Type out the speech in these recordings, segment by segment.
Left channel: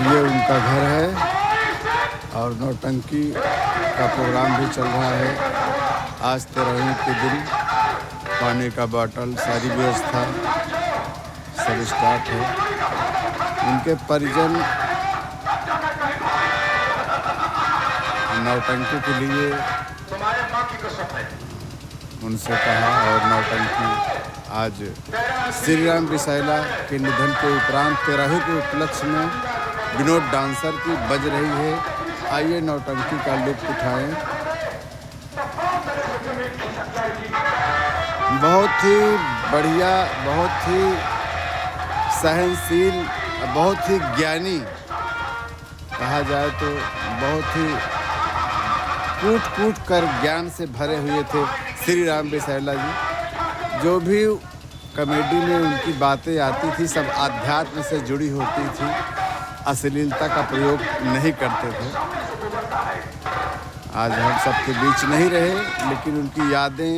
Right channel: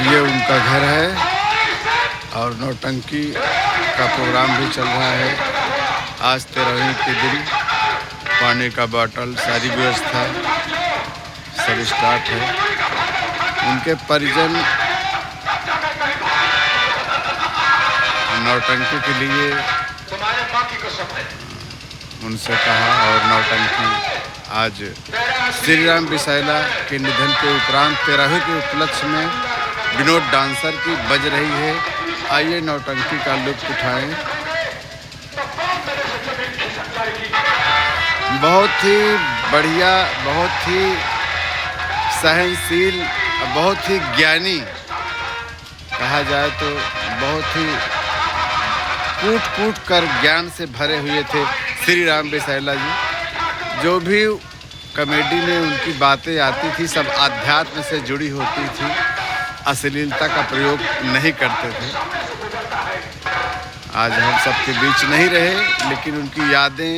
ये उनका घर है और नौटंकी का प्रोग्राम भी चल रहा है। आज 13वीं के दिन पानी का बॉटल, सारी व्यवस्था सब स्टार्ट है। उनके परिजन नौटंकी के लिए उनसे कहा और नौटंकी आज श्री राम बिसायला के निधन के उपरांत 13वीं के उपलक्ष्य में विनोद डांसर की बज रही है। आइए नौटंकी का लुत्फ उठाएं। बहुत ही बढ़िया, बहुत ही सहनशील, बहुत ही ज्ञानी, कहा जाए तो बहुत ही कूट कूट कर ज्ञान से भरे हुए थे श्री राम बिसायला जी। जो भी कॉमेडी में उनकी बातें आती थी सब आध्यात्म से जुड़ी होती थी, अश्लीलता का प्रयोग नहीं करते थे। आज हम सबके बीच नहीं रहे, लेकिन उनकी यादें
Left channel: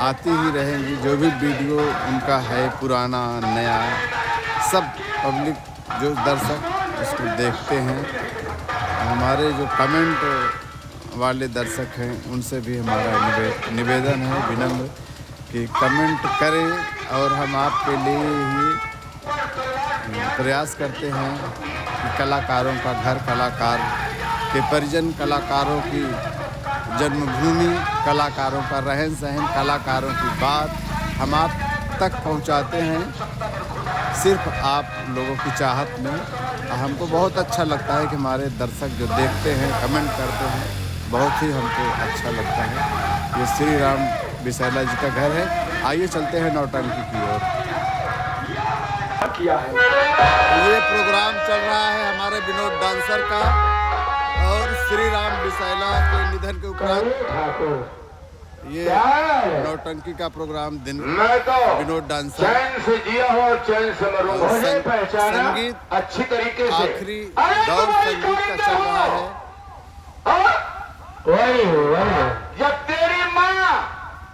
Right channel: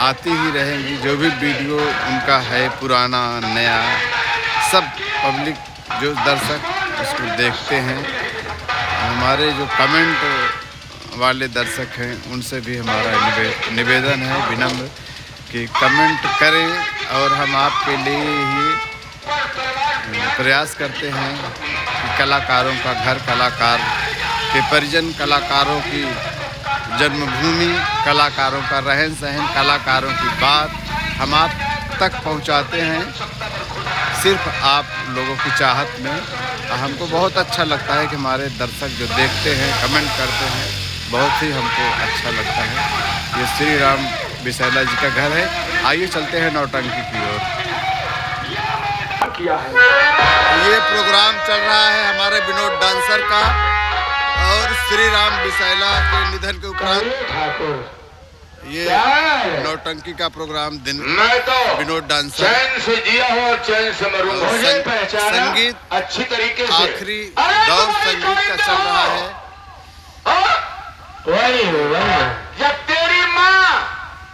आती ही रहेंगी। जो भी वीडियो उनका है, पुराना नया, सब पब्लिक जो दर्शक उसको देखते हैं। हमारे जो कमेंट वाले दर्शक हैं उनसे भी हमारा निवेदन है विनम्र कि कमेंट करें और हम आपके लिए ही प्रयास करते हैं कि कलाकारों का घर, कलाकार के परिजन, कलाकारों की जन्मभूमि, कलाकारों का रहन सहन, कलाकारों की बात हम आप तक पहुंचाते हैं सिर्फ आप लोगों की चाहत में। हमको बहुत अच्छा लगता है कि हमारे दर्शक जो देखते हैं, कमेंट करते हैं, बहुत ही हमको अच्छा लगता है। ये श्री राम बिसायला जी का घर है। आइए चलते हैं नौटंकी की ओर। ये प्रोग्राम चल रहा है हमारे विनोद डांसर का और श्री राम बिसायला के निधन के उपरांत ये नौटंकी का प्रोग्राम दिन विनोद डांसर चैन से जिया हो, चैन से मरूंगा। संगीत अच्छी तरीके से आखिरी दौर संगीत का चल रहा है। जब तेरी माँ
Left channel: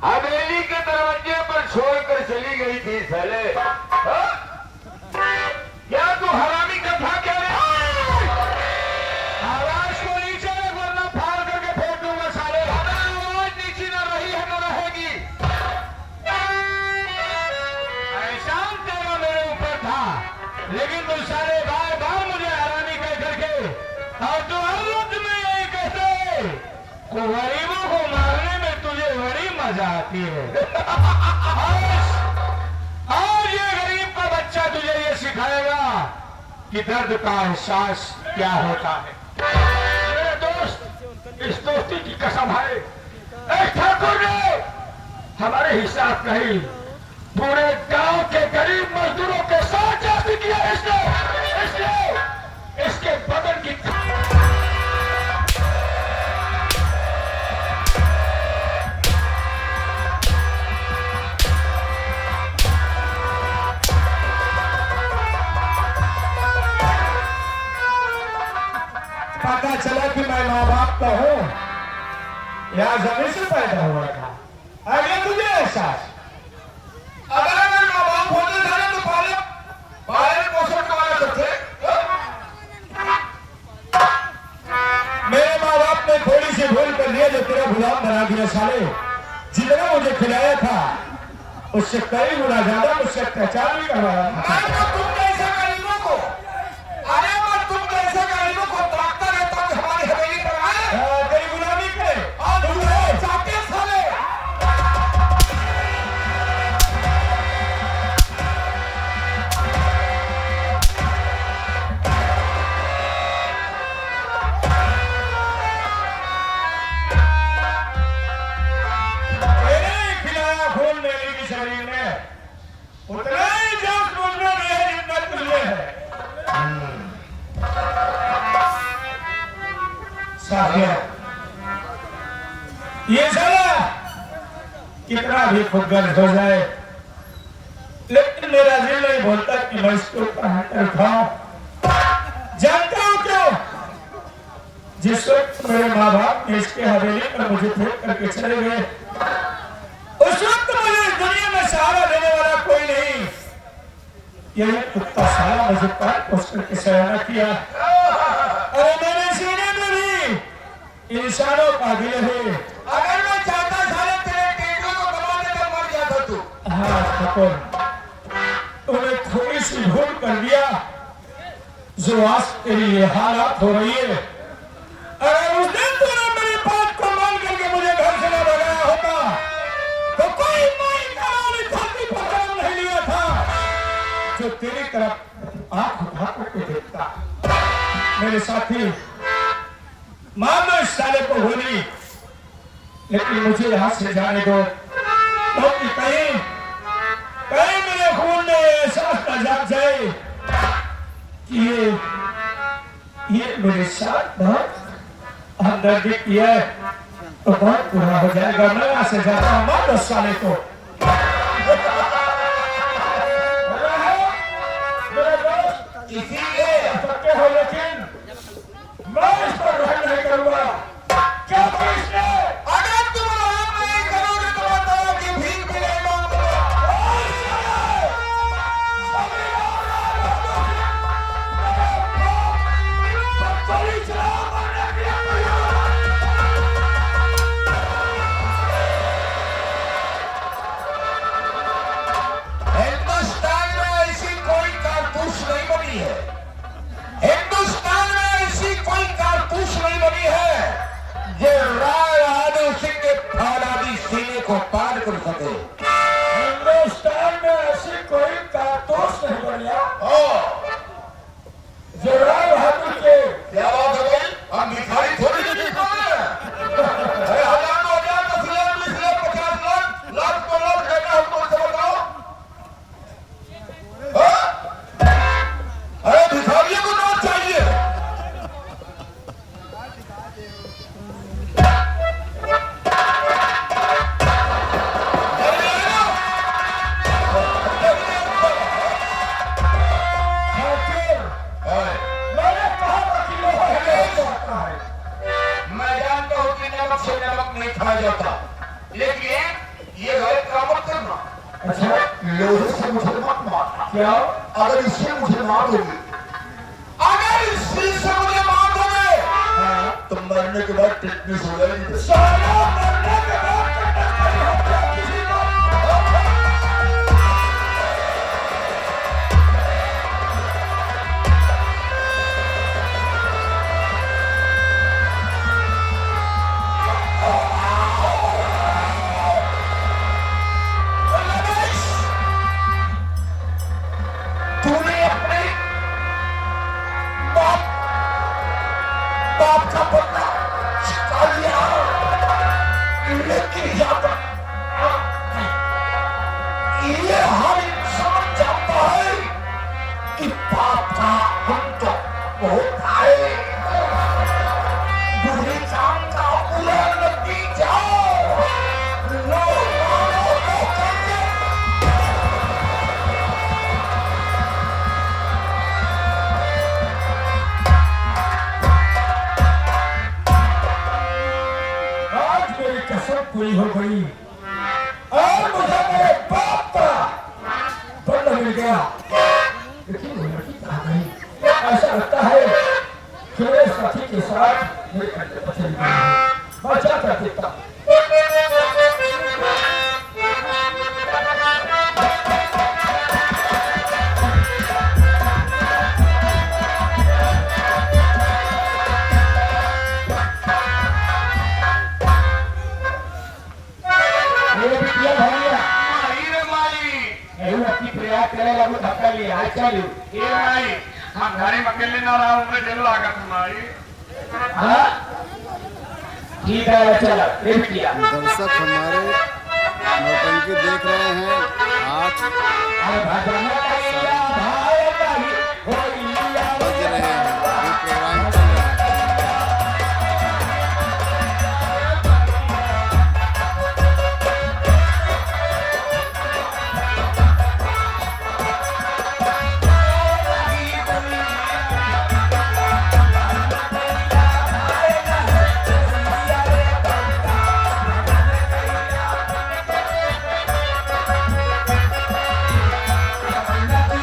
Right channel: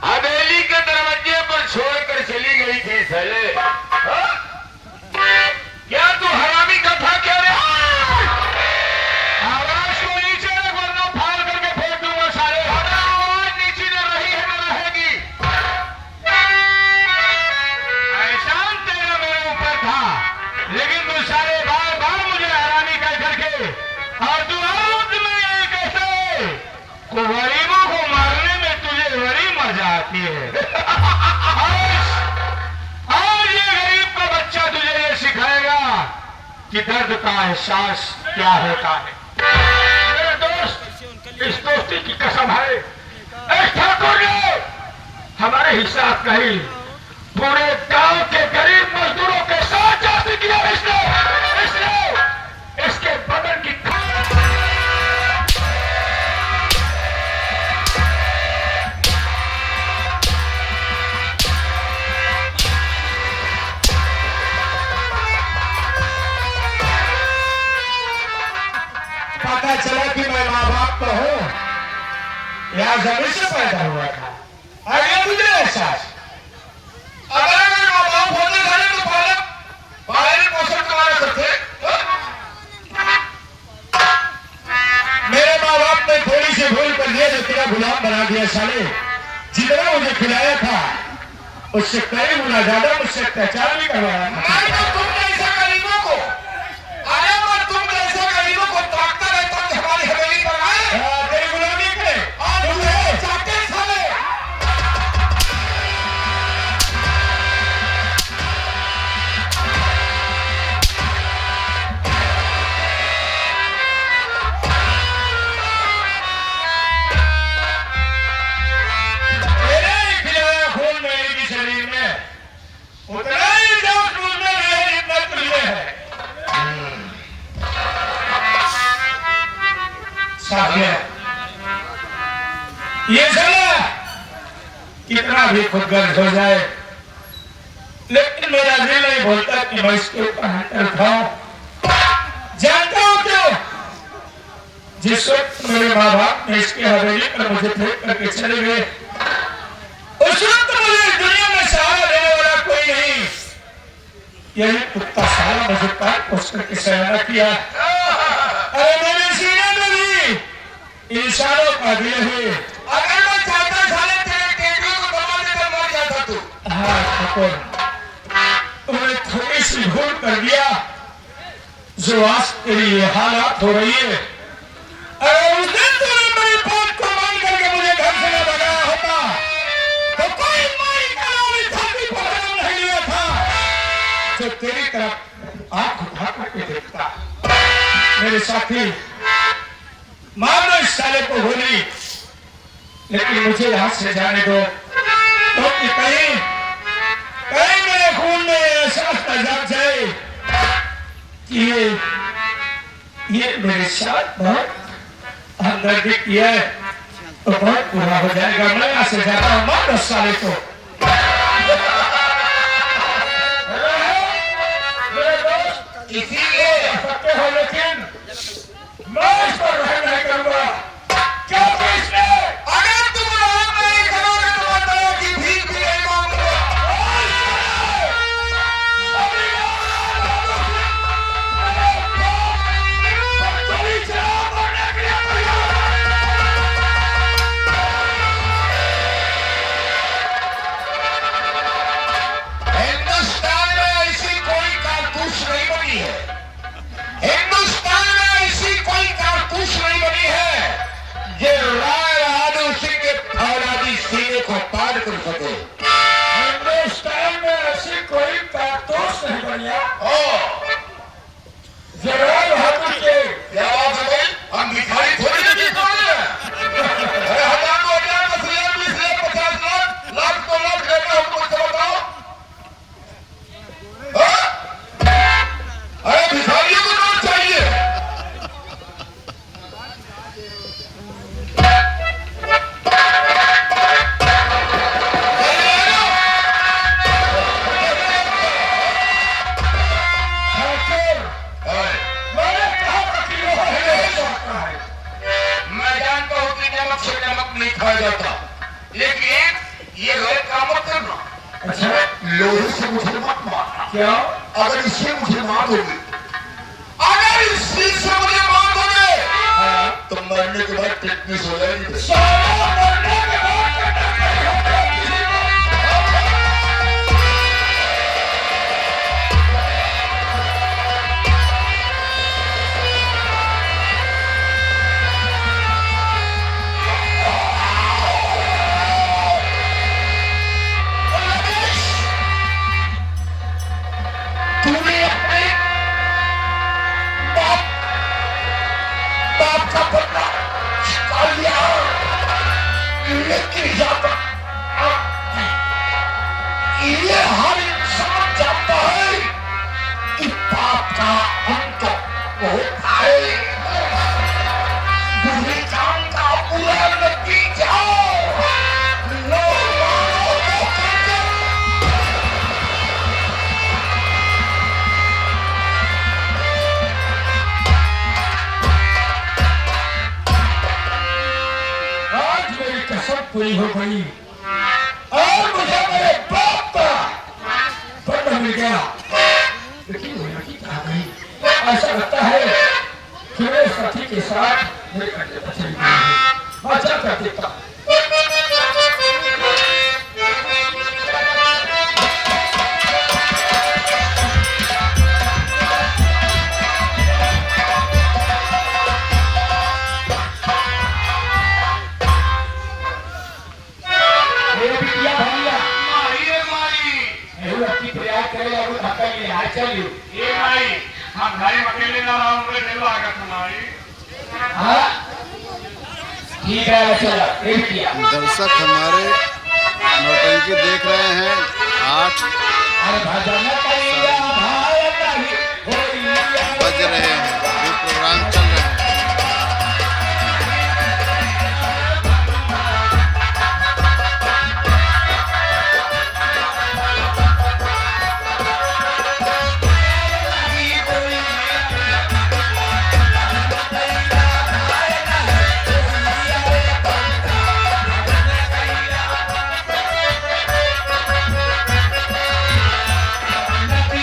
हवेली के दरवाजे पर छोड़कर चली गई थी पहले, क्या तू हरामी कथा कह रहे? आवाज को नीचे रख वरना फाड़ करके फेंक दूंगा सारे। आवाज नीचे न रही है न रहेगी। एहसान तेरा मेरे ऊपर था, लेकिन तू सारे बार बार मुझे हरामी कह करके और तू हर वक्त में यही कहते को गरीबों को मारने में तुझे बड़ी मजा आती है। आज ये गरीब का बच्चा तुझे ये सिखाएगा कि दर्द का एहसास क्या होता है। मेरे दोस्त, इस दोस्ती की कसम है, एक ठाकुर ने हमारे हिसाब कही पूरे गांव के गरीब मजदूरों के साथ जाति किया। इसके बदन की पता चला कि मैं माँ बाप का हूँ या जमीन से पैदा हुआ था। अगले मुझे एहसास, अगर मेरे माँ बाप होते थे तो पालन पोषण कमाना करते। मेरे माँ बाप ने थोड़ी सी भूल कर दिया जो तेरा गुलाम बना दिया साले। जितना मुझे खिलाया था उससे कई गुना ज्यादा मुझसे अत्याचार भी करवाया था। ये साला कितना भी खुदगर्ज हो जाए, लेकिन मेरा दिल नहीं बोलता कि मैं इसके ऊपर हाथ उठाऊं। जानता हूं क्यों? जिस वक्त मेरे माँ बाप ने इसके हवेली पर मुझे फेंक करके चले गए, उस वक्त मुझे इस दुनिया में सहारा देने वाला कोई नहीं। यही कुत्ता सारा मुझे काट पोस करके सयाना किया। अरे मेरे सीने में भी इंसानों का दिल है। अगर मैं चाहता साले तेरे टेटू को दबा के मर जाता तू। हाँ ठाकुर, तूने थोड़ी सी भूल कर दिया जो आज तेरी ये हालत हो रही है। अगर उस दिन तूने मेरी बात को मान करके मुझे घर से न भगाया होता तो कोई माई कराने छाती पर नहीं लिया था जो तेरी तरफ आंख उठा करके देखता। मेरे साथी, मार दो इस साले को गोली, लेकिन मुझे यहां से जाने दो क्योंकि कहीं मेरे खून में एहसास न जाग जाए कि ये मेरे साथ बहुत हमदर्दी किया है तो बहुत बुरा हो जाएगा। मैं यहां से जाता हूं, मार दो साले को। इसीलिए सकते हो, लेकिन मैं इस पर रहम नहीं करूंगा क्योंकि इसने अगर तुम रहम नहीं करोगे तो बताओ कि भीख भी नहीं मांगूंगा। हिंदुस्तान में ऐसी कोई कारतूस नहीं बनी है। हिंदुस्तान में ऐसी कोई कारतूस नहीं बनी है जो राय बहादुर सिंह के फौलादी सीने को पार कर सके। हिंदुस्तान में ऐसी कोई कारतूस नहीं बनी है जो राय बहादुर के। क्या बात है भाई, हम भिखारी थोड़ी नहीं बोल रहे हैं। अरे 1000 को 10 लाख 20 लाख 50 लाख लाख को लाख देना हमको से बताओ। अरे भिखारियों को नोट चाहिए। मैंने कहा था कि लोहा नहीं जाता है। मैं जानता हूं कि नमक से नमक नहीं खाया जाता, लेकिन ये गलत काम मत करना। अच्छा, लोहे से मुझे मत मारना। क्या? अगर इससे मुझे मार दोगे, अगर इसी से मुझे मार दोगे तो मरने के बाद टिटनेस हो जाएगी। मरने के बाद तूने अपने बाप का बदला चुका लिया, लेकिन ये हर इंसान जानता है कि पाप का अंत होता है। बुरी काम का बुरा नतीजा पूरी हो गई और मुझे मेरे बाप का दंड मिल गया। लेकिन वो लड़की कहाँ गई? ऐसा लगता है कि मेरे साथी के साथ मेरे कंधे पर चली गई है। मैं जाकर देखता हूँ। हम घर में अकेले ना रहा हूँ, मैं चलो आगा तुम्हारी। ठीक है, चलो। दर्शक हमारे नौटंकी देख रहे हैं। 8 बज रहे हैं, अभी प्रोग्राम चल रहा है।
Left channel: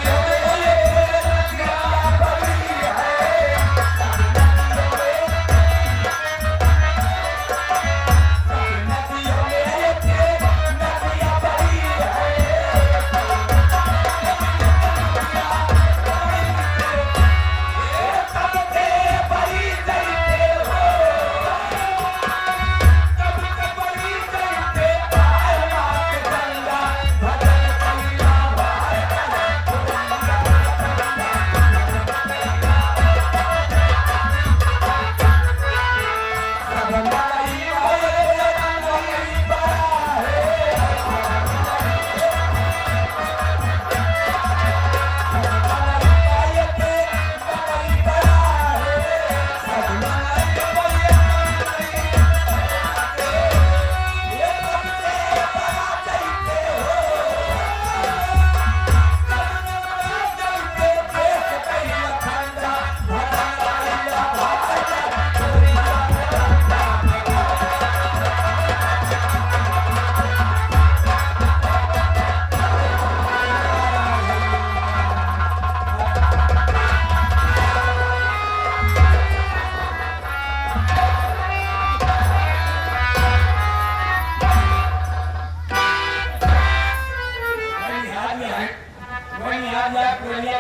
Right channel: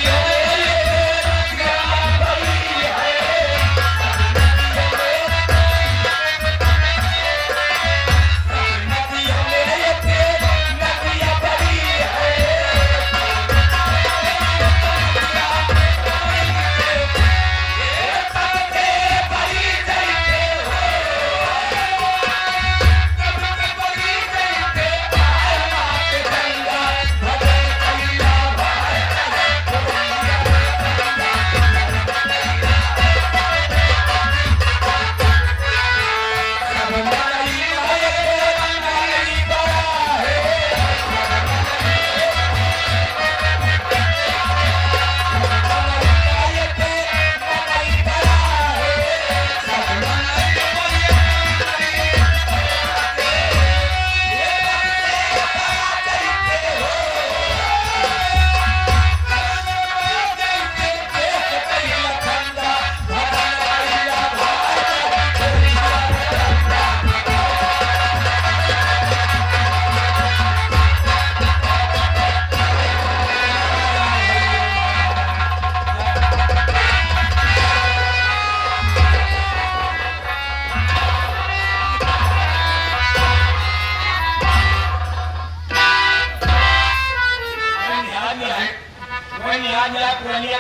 Yeah.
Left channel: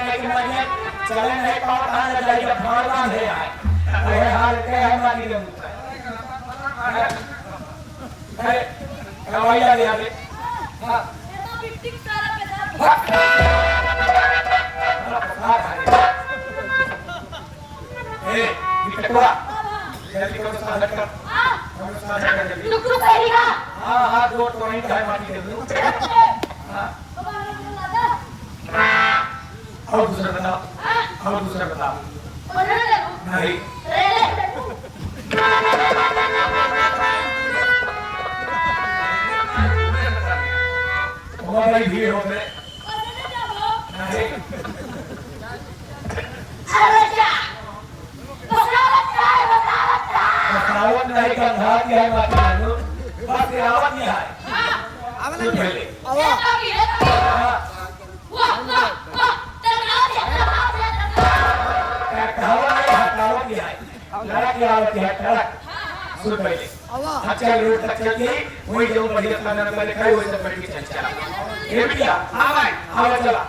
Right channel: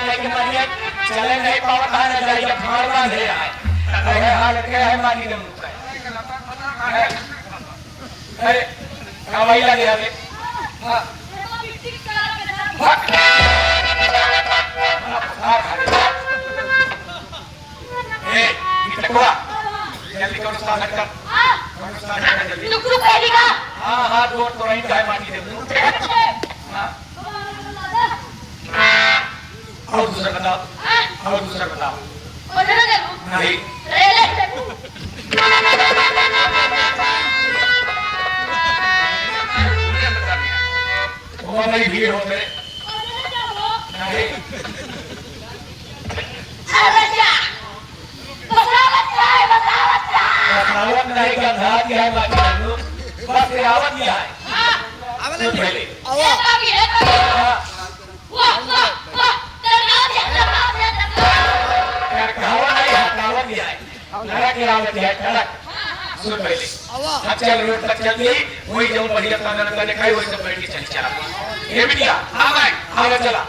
लेके मानिए चले नहीं पाओ खाने जाइए भावना दे आए अरे हाल के है मानी के मुंह है कवाइया दे आगे हां बिट्टी सारा पे ए इटकुआ जल्दी करो साथ कर टुकड़ू पहली का हां हां दो तो वहीं है मानी के मुंह हां और दूसरा बताओ नहीं भाई भीड़ हो गए नहीं बसावत नहीं गंधा दिया है माटी बस आवत दिया है सुन पहले अच्छा रोड तक चल गई वही जो बढ़िया खाना पहले खाई वही सब बैठ के चल चला ये बिटिया हाँ भाई हाँ चला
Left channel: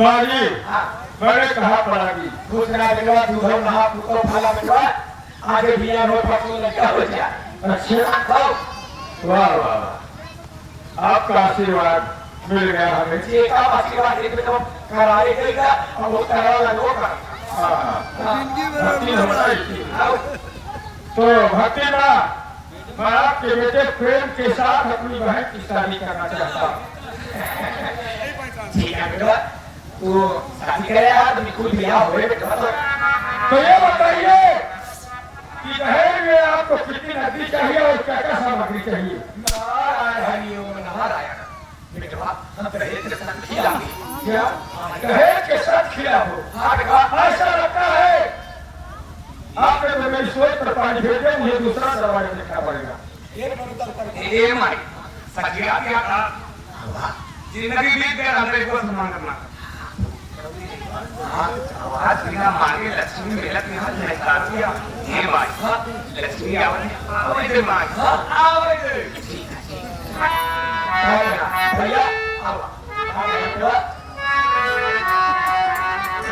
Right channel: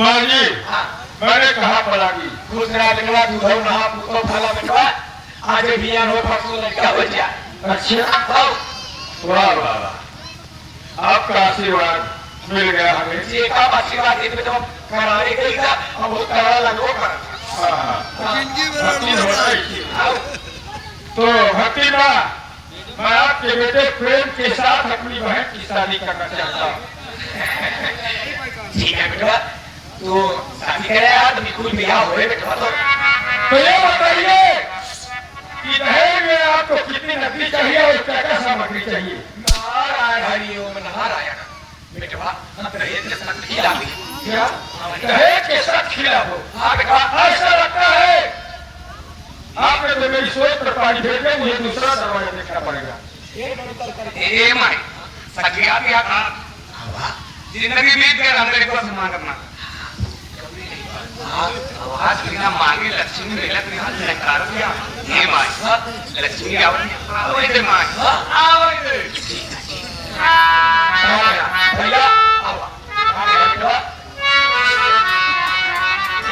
माँ जी मैंने कहा पड़ा की दूसरा लगवा दूधो नहा पुतो फाला लगवा आगे बिया हो फसल लगा हो जा अच्छा वाह वाह आपका आशीर्वाद मिल गया हमें जी का आशीर्वाद देते तो करारे गई का अब वो करा लगो कर भक्ति होना ही तो भक्ति माँ मैं आपके बेटे प्रेम के साथ अपनी बहन की शादी करना चाहता हूँ ठीक है बेटा तो शादी करे आप बिल्कुल ब्याह हो बेटा तो ये बताइए कि दहेज में आपको कितनी नकदी चाहिए और क्या क्या सामग्री चाहिए नारायण हरि ओम नारायण बेटा हम दहेज के साथ खिला दी क्या दहेज के साथ खिला हो हां बेटा ऐसा लगता है आपने तो मेरी सोच पर पानी फेंक दिया मुझे दूसरा दरवाजा देखना पड़ेगा ए माई सगिया क्या था जिंदगी बीत गया हमरे को सम्मान करना आवाज बिना मारी लक्ष्मी मेला के हाथ में कर दिया हे माई लक्ष्मी आवड़े दे माई आवड़े दे भैया आओ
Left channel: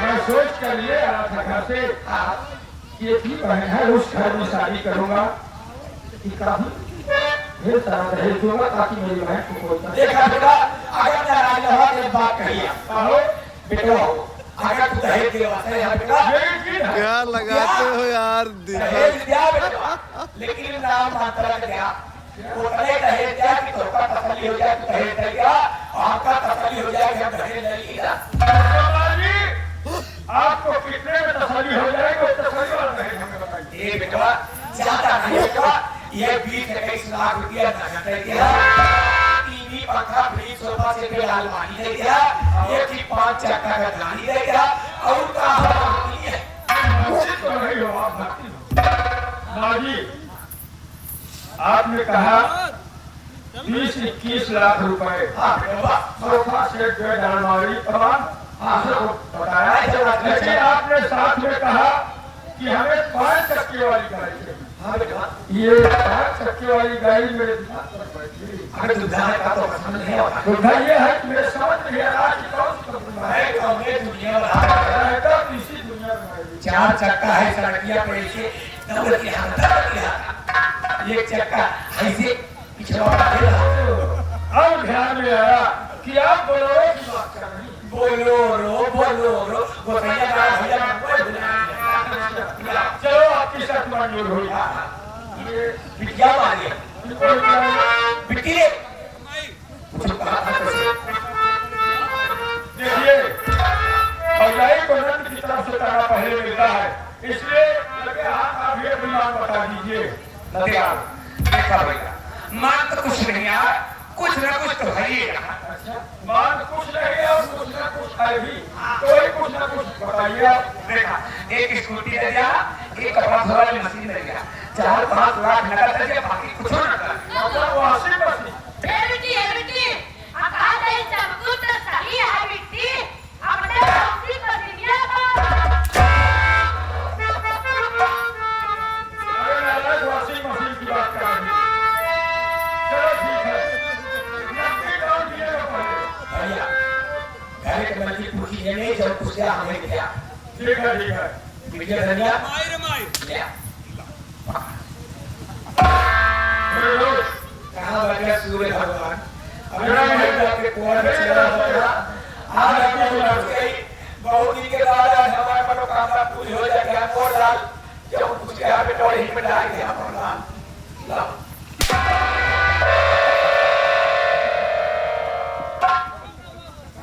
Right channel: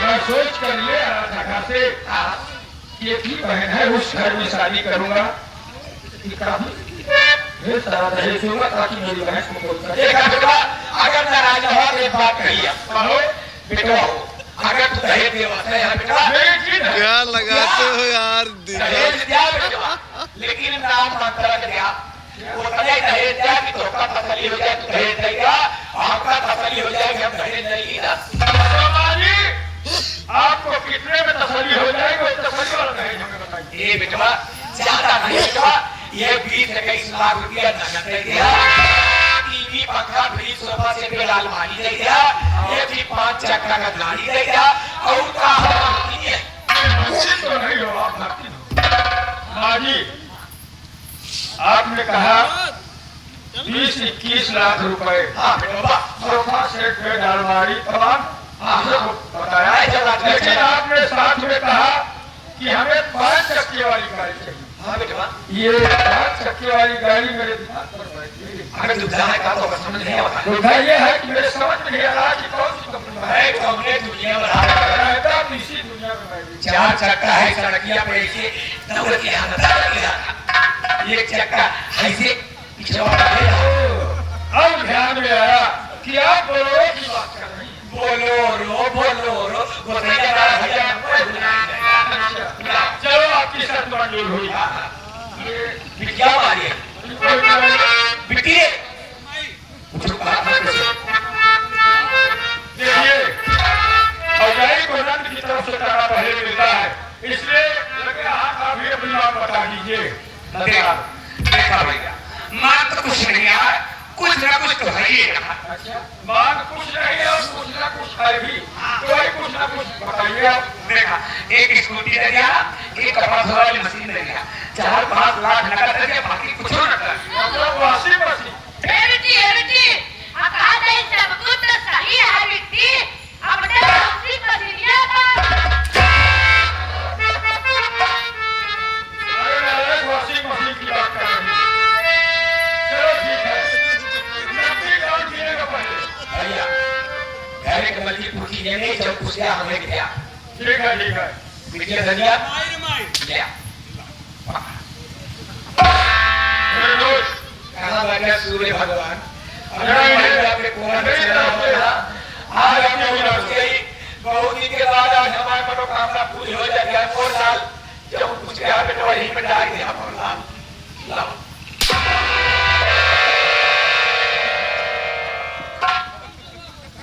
मैं सोच कर ये आया था घर से कि एक ही बहन है उस घर में शादी करूंगा ढेर सारा दहेज दूंगा ताकि मेरी बहन को कोई देखा बेटा अगर नाराज हो के बात कहिए बेटा अगर तू दहेज देवाता है बेटा क्या लगाते हो यार दहेज दिया बेटा लेकिन नाम मंत्र दिया वो दहेज दिया कि तो का तसल्ली हो जाए तू दहेज देगा आपका तसल्ली हो जाएगी हम दहेज नहीं लेगा आपको कितने में तसल्ली हो जाएगी उस तसल्ली वाला दहेज हमें बताइए ये बेटा ज्यादा नहीं बेटा ये 20 लाख रुपया नगद दे दिया टीवी पंखा फ्रिज सोफा सेट पे अलमारी दे दिया ये भी 5 चक्का का गाड़ी दे दिया और का तो नहीं हो आप भक्ति माँ जी आपने कहा 20-21 लाख रुपए सोफा सेट बेड अलमारी तमाम बताया लेकिन आपने साथ में कहा कि हमें 5 चक्के वाली गाड़ी चाहिए ये 5 चक्के वाली गाड़ी मेरे दिमाग पर बैठी अगर दुधा है का तो समझ नहीं आता दुधा ये है कि मेरे समझ में नहीं आ रहा कि कौन सी कंपनी है हमने दुनिया में रहता इसी दुनिया में 4 चक्का है सड़किया पे ऐसे दौड़ के हालत एक चक्का ऐसे पिछवाड़ा है अब ध्यान में आया कि आप बोलो की बात कर रही बोलो रो गोतैया भैया चलो आपकी शर्त मंजूर हुई। बिटिया मारी है बिटी मुझे कहा था कैसे देखिए फौजाई को रंग की तरफ से तारा पहले मिल रहा है, इसलिए लगे हाथ आप ही अपनी बात बता दीजिए। देखा देखा भैया मां तो कुछ नहीं है, कुछ ना कुछ तो है ही। मांग कुछ नहीं और कुछ ना कुछ है भी, तो वही कुछ ना कुछ बताइए आप। देखा एक स्कूटी दे दिया, एक कपड़ा धोने वाली मशीन दे दिया, 4-5 लाख नकद दे दिया, बाकी कुछ ना कर। मतलब वॉशिंग मशीन। बेटी कहा नहीं सब कुछ तो सही है बेटी, अपने उसी को दिया था। अरे नारायण वॉशिंग मशीन की बात कर रही है। चलो ठीक है, नकदी काट दिएगा पहले। भैया घर के मल्ली पूछी नहीं जब पूछा हमें गया ठीक है ठीक है। बिटिया धनिया ले मेरे दोस्त कहाँ बैठे सूर्य भगवान आज आपने उम्र गई बहुत दिन के बाद आज हमारे मनोकामना पूरी हो जाएगी। कौन लाल जब कुछ यहाँ पे वही पे डाल दिया कौन लाल लाओ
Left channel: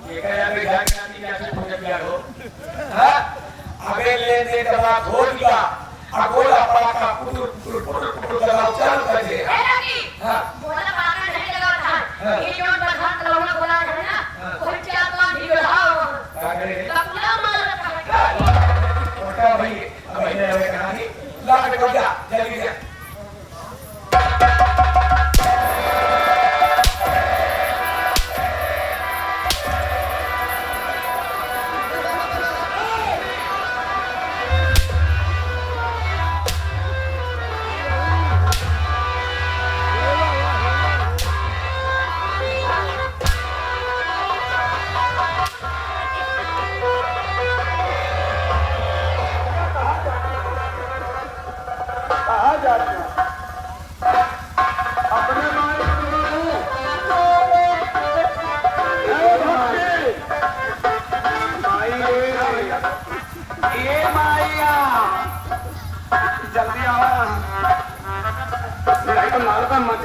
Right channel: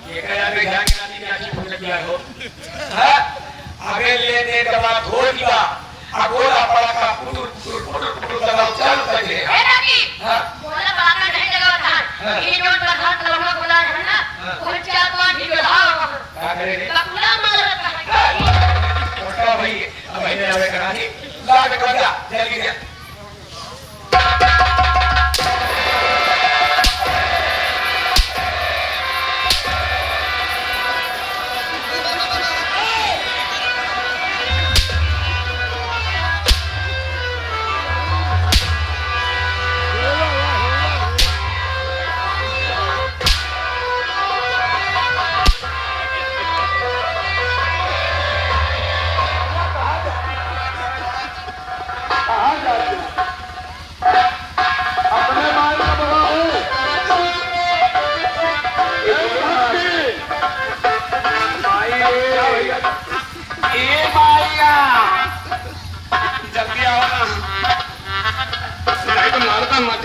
ये क्या भी घर का भी कैसे पूछ दिया हो हाँ आगे ले दे दवा धो दिया अगोला पड़ा का पुटुर पुटुर पुटुर पुटुर दवा चालू कर दे ए रानी हाँ बोला बाका नहीं लगा था, ये जो प्रधान लवड़ा बोला है ना, उन चार तो भी लाओ क्या करेंगे कपड़ा मार रखा है। छोटा भाई भाई ने लगे करा दी ला के बजा जल्दी से जल्दी आओ नहीं तो मालूम मत